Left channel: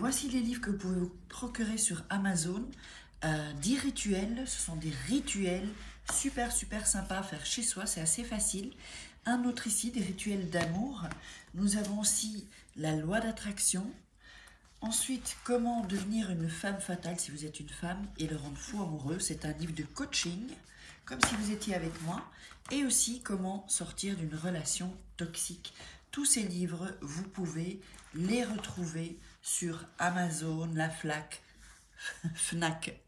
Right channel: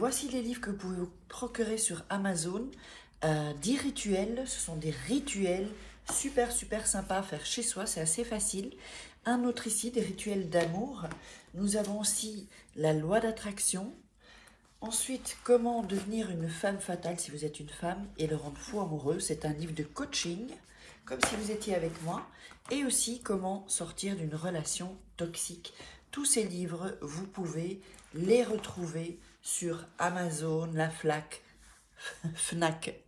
voici les livres que vous pouvez vous procurer sur Amazon. 10 rituels, ce sont des rituels super sympas à faire chez soi, c'est assez facile. Un autre ici, des rituels d'amour. Nous avons aussi la loi d'attraction. Ensuite, comment devenir une femme fatale si vous êtes une femme et le rendre fou amoureux. C'est un livre de coaching, comme si vous étiez avec moi. Et aussi, comment sortir d'une relation toxique. Tous ces livres, vous pouvez les retrouver sur Amazon, la Fnac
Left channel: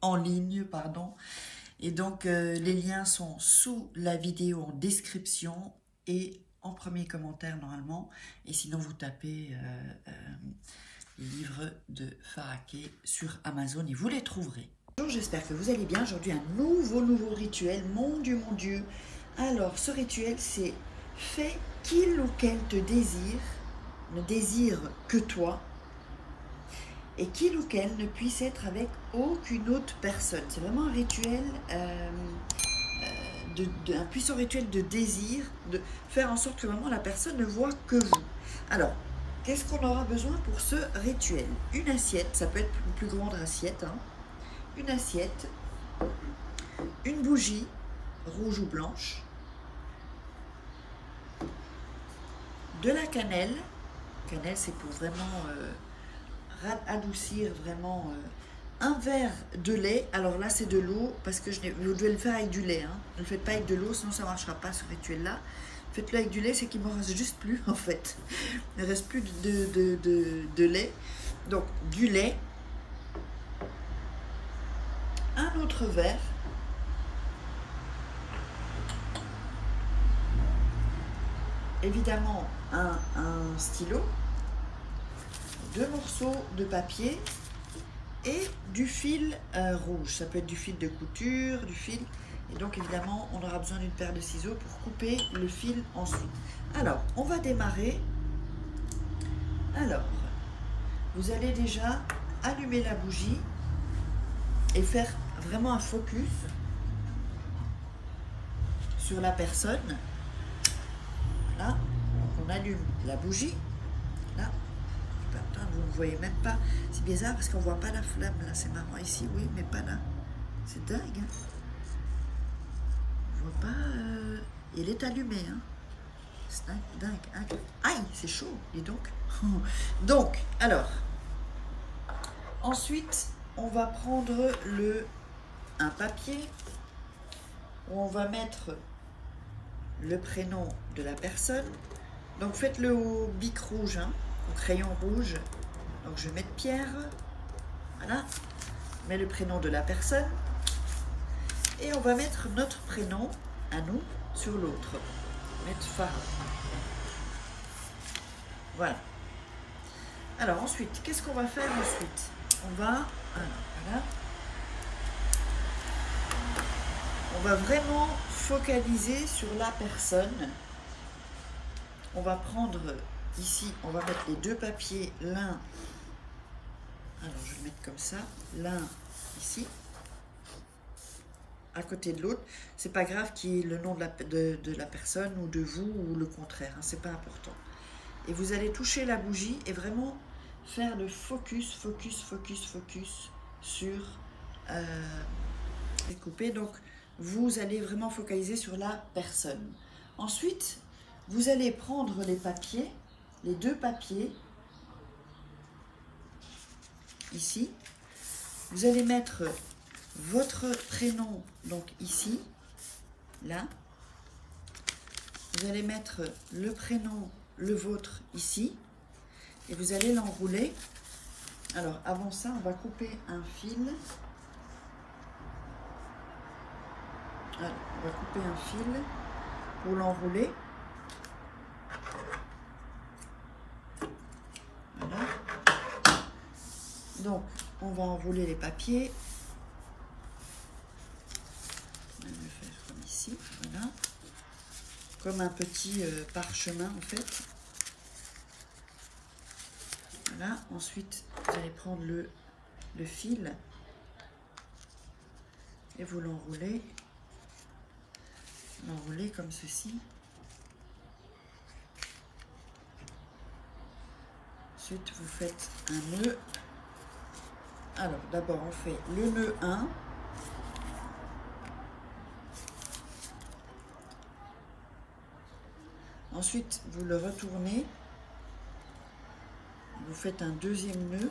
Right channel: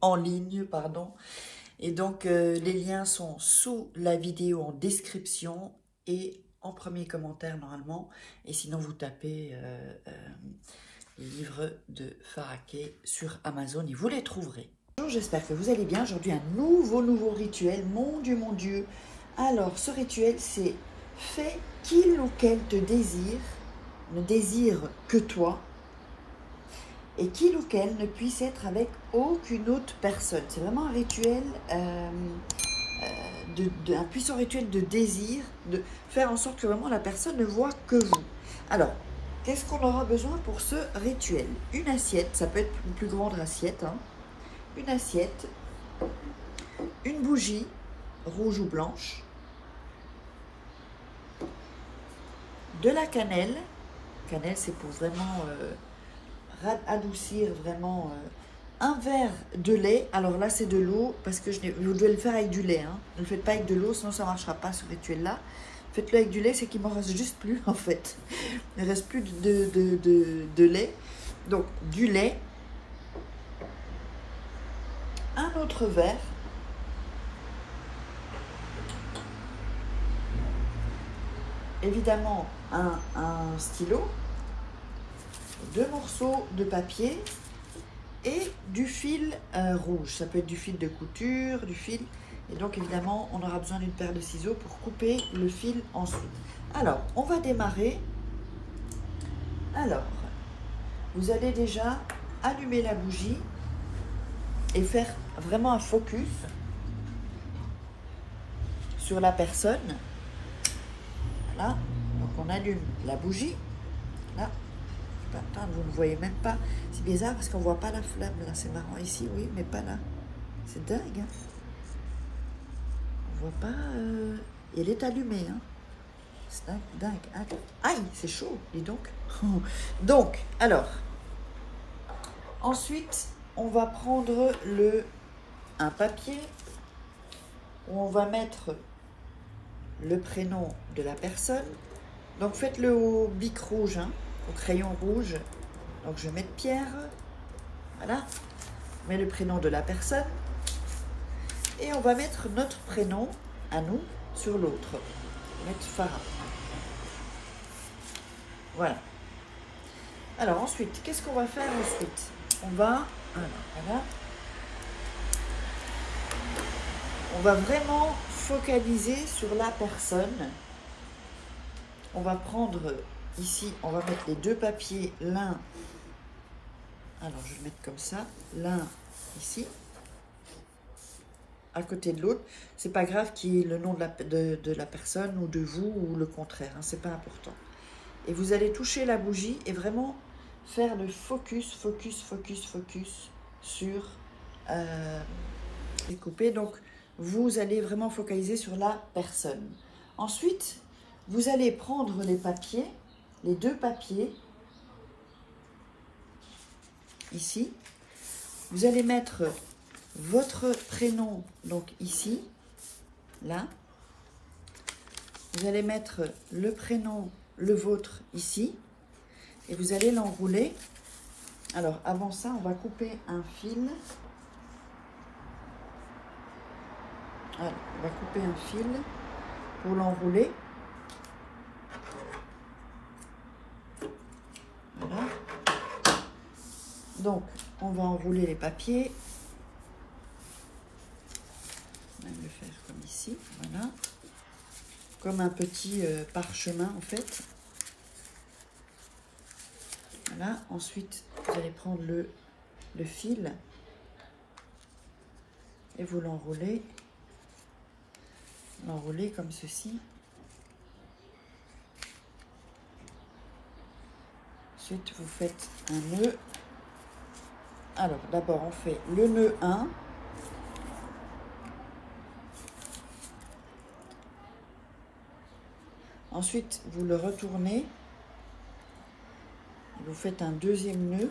en ligne, pardon. Et donc, les liens sont sous la vidéo en description et en premier commentaire normalement. Et sinon, vous tapez livre de Faraké sur Amazon et vous les trouverez. Bonjour, j'espère que vous allez bien. Aujourd'hui, un nouveau rituel. Mon Dieu. Alors, ce rituel, c'est fais qu'il ou qu'elle te désire, ne désire que toi, et qu'il ou qu'elle ne puisse être avec aucune autre personne. C'est vraiment un rituel, un puissant rituel de désir, de faire en sorte que vraiment la personne ne voit que vous. Alors, qu'est-ce qu'on aura besoin pour ce rituel? Une assiette, ça peut être une plus grande assiette, hein. Une assiette, une bougie, rouge ou blanche, de la cannelle. Cannelle, c'est pour vraiment adoucir vraiment. Un verre de lait. Alors là, c'est de l'eau parce que vous devez le faire avec du lait. Hein. Ne le faites pas avec de l'eau, sinon ça ne marchera pas ce rituel-là. Faites-le avec du lait, c'est qu'il ne m'en reste juste plus en fait. Il ne reste plus de lait. Donc, du lait. Un autre verre. Évidemment, un stylo. 2 morceaux de papier et du fil rouge. Ça peut être du fil de couture, du fil. Et donc, évidemment, on aura besoin d'une paire de ciseaux pour couper le fil ensuite. Alors, on va démarrer. Alors, vous allez déjà allumer la bougie et faire vraiment un focus sur la personne. Là, donc on allume la bougie. Là. Attends, vous ne voyez même pas. C'est bizarre parce qu'on ne voit pas la flamme là. C'est marrant ici, oui, mais pas là. C'est dingue. Hein, on ne voit pas. Et elle est allumée. Hein. C'est dingue. Aïe, c'est chaud, dis donc. Donc, alors. Ensuite, on va prendre un papier où on va mettre le prénom de la personne. Donc, faites-le au bic rouge, hein, au crayon rouge. Donc, je vais mettre Pierre. Voilà. Je mets le prénom de la personne. Et on va mettre notre prénom à nous sur l'autre. On va mettre Farah. Voilà. Alors, ensuite, qu'est-ce qu'on va faire ensuite? On va... Voilà. On va vraiment focaliser sur la personne. On va prendre ici, on va mettre les 2 papiers, l'un, alors je vais mettre comme ça, l'un ici, à côté de l'autre. C'est pas grave qu'il y ait le nom de la personne ou de vous ou le contraire, hein, c'est pas important. Et vous allez toucher la bougie et vraiment faire le focus sur les coupés. Donc, vous allez vraiment focaliser sur la personne. Ensuite, vous allez prendre les papiers, les 2 papiers, ici. Vous allez mettre votre prénom, donc ici, là. Vous allez mettre le prénom, le vôtre, ici. Et vous allez l'enrouler. Alors, avant ça, on va couper un fil. Alors, on va couper un fil pour l'enrouler. Voilà. Donc, on va enrouler les papiers. On va le faire comme ici. Voilà. Comme un petit parchemin, en fait. Voilà. Ensuite, vous allez prendre le fil et vous l'enroulez. L'enrouler comme ceci. Ensuite, vous faites un nœud Alors, d'abord, on fait le nœud 1. Ensuite, vous le retournez. Vous faites un deuxième nœud.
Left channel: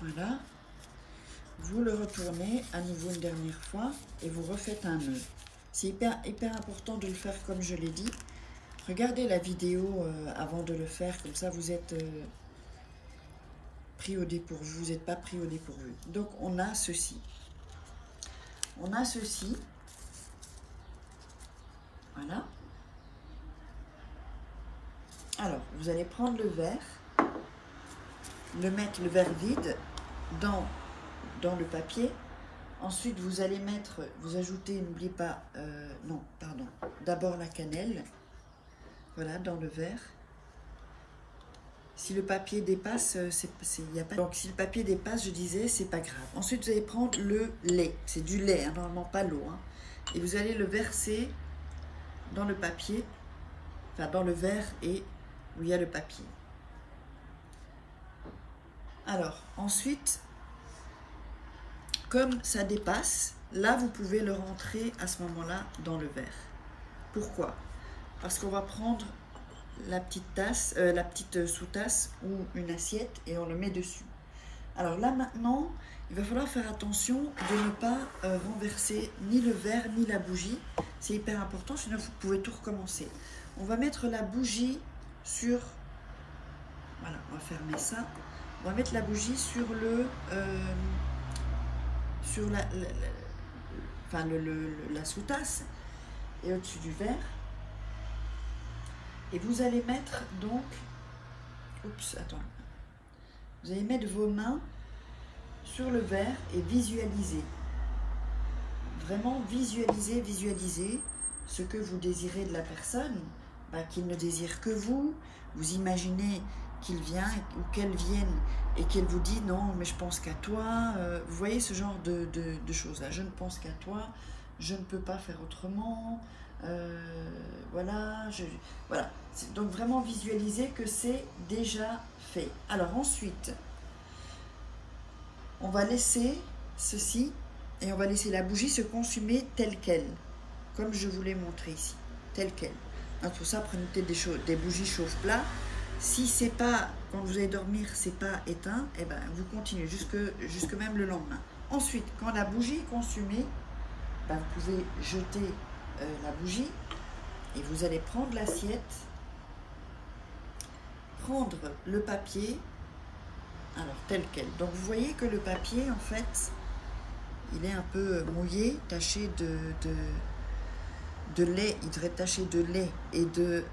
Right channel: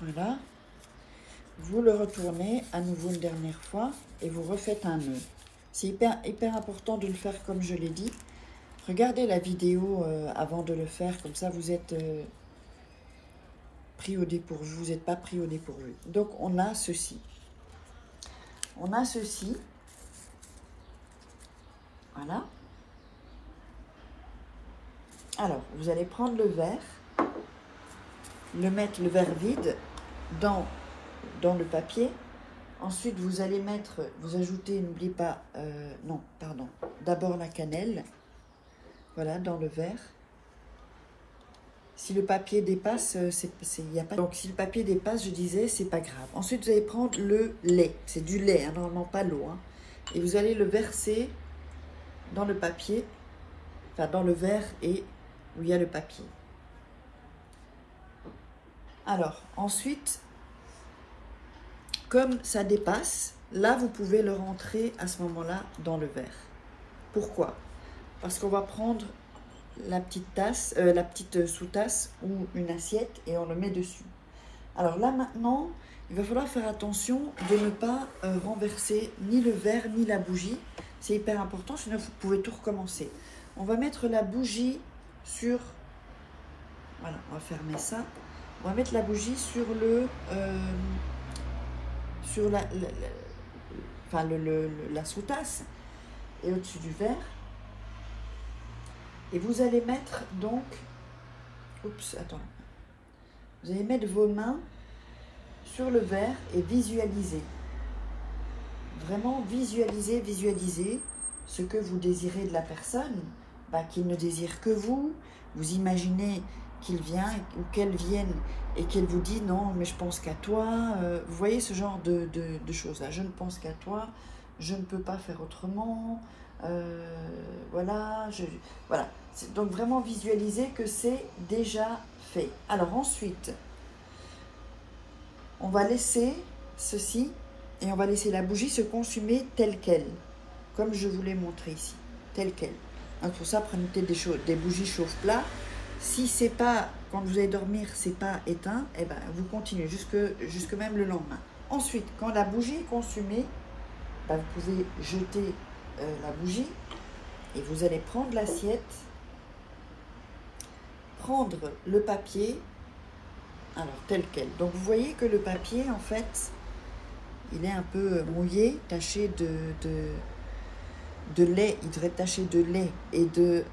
Voilà. Vous le retournez à nouveau une dernière fois et vous refaites un nœud. C'est hyper important de le faire comme je l'ai dit. Regardez la vidéo avant de le faire, comme ça vous êtes pris au dépourvu, vous n'êtes pas pris au dépourvu. Donc on a ceci. On a ceci. Voilà. Alors, vous allez prendre le verre, mettre le verre vide dans le papier. Ensuite, vous allez vous ajoutez, n'oubliez pas, non, pardon, d'abord la cannelle, voilà, dans le verre. Si le papier dépasse, y a pas... Donc, si le papier dépasse, je disais, c'est pas grave. Ensuite, vous allez prendre le lait, c'est du lait, hein, normalement pas l'eau, hein, et vous allez le verser dans le papier, enfin dans le verre et où il y a le papier. Alors, ensuite, comme ça dépasse, là, vous pouvez le rentrer à ce moment-là dans le verre. Pourquoi? Parce qu'on va prendre la petite tasse, la petite sous-tasse ou une assiette et on le met dessus. Alors là, maintenant, il va falloir faire attention de ne pas renverser ni le verre ni la bougie. C'est hyper important, sinon vous pouvez tout recommencer. On va mettre la bougie sur... Voilà, on va fermer ça. On va mettre la bougie sur le... sur la sous-tasse et au-dessus du verre. Et vous allez mettre donc... Oups, attends. Vous allez mettre vos mains sur le verre et visualiser. Vraiment visualiser ce que vous désirez de la personne, qu'il ne désire que vous. Vous imaginez qu'il vient ou qu'elle vienne et qu'elle vous dit non mais je pense qu'à toi, vous voyez ce genre de choses là, je ne pense qu'à toi, je ne peux pas faire autrement, voilà, voilà. Donc vraiment visualiser que c'est déjà fait. Alors ensuite, on va laisser ceci et on va laisser la bougie se consumer telle qu'elle, comme je vous l'ai montré ici, telle qu'elle. Pour ça, prenez peut-être des bougies chauffe-plat. Si c'est pas, quand vous allez dormir, c'est pas éteint, eh ben, vous continuez jusque même le lendemain. Ensuite, quand la bougie est consumée, vous pouvez jeter la bougie et vous allez prendre l'assiette, prendre le papier, alors tel quel. Donc vous voyez que le papier, en fait, il est un peu mouillé, taché de lait, il devrait être taché de lait et de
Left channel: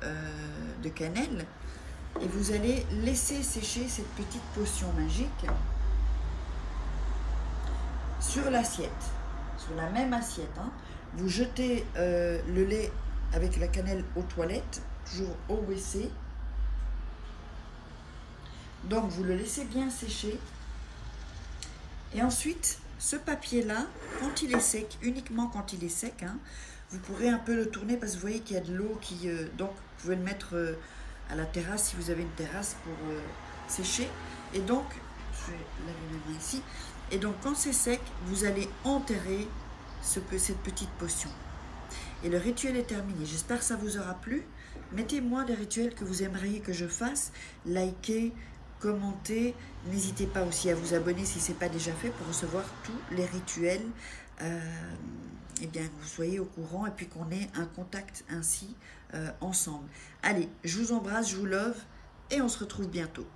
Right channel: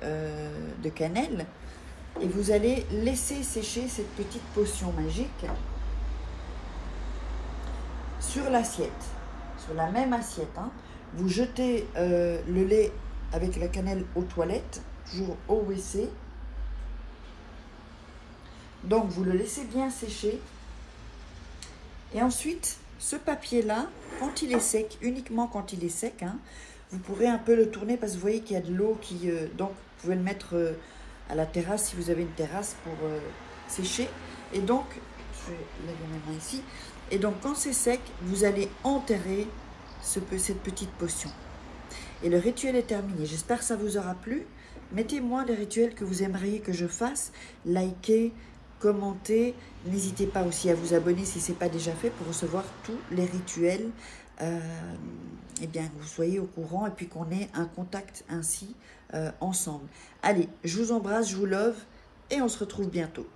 cannelle. Et vous allez laisser sécher cette petite potion magique sur l'assiette, sur la même assiette. Hein. Vous jetez le lait avec la cannelle aux toilettes, toujours au WC. Donc vous le laissez bien sécher. Et ensuite, ce papier-là, quand il est sec, uniquement quand il est sec, hein, vous pourrez un peu le tourner parce que vous voyez qu'il y a de l'eau qui... donc vous pouvez le mettre... à la terrasse si vous avez une terrasse pour sécher. Et donc, je lève ma main ici. Et donc, quand c'est sec, vous allez enterrer cette petite potion. Et le rituel est terminé. J'espère que ça vous aura plu. Mettez-moi des rituels que vous aimeriez que je fasse. Likez, commentez. N'hésitez pas aussi à vous abonner si ce n'est pas déjà fait pour recevoir tous les rituels. Eh bien, que vous soyez au courant et puis qu'on ait un contact ainsi ensemble. Allez, je vous embrasse, je vous love et on se retrouve bientôt.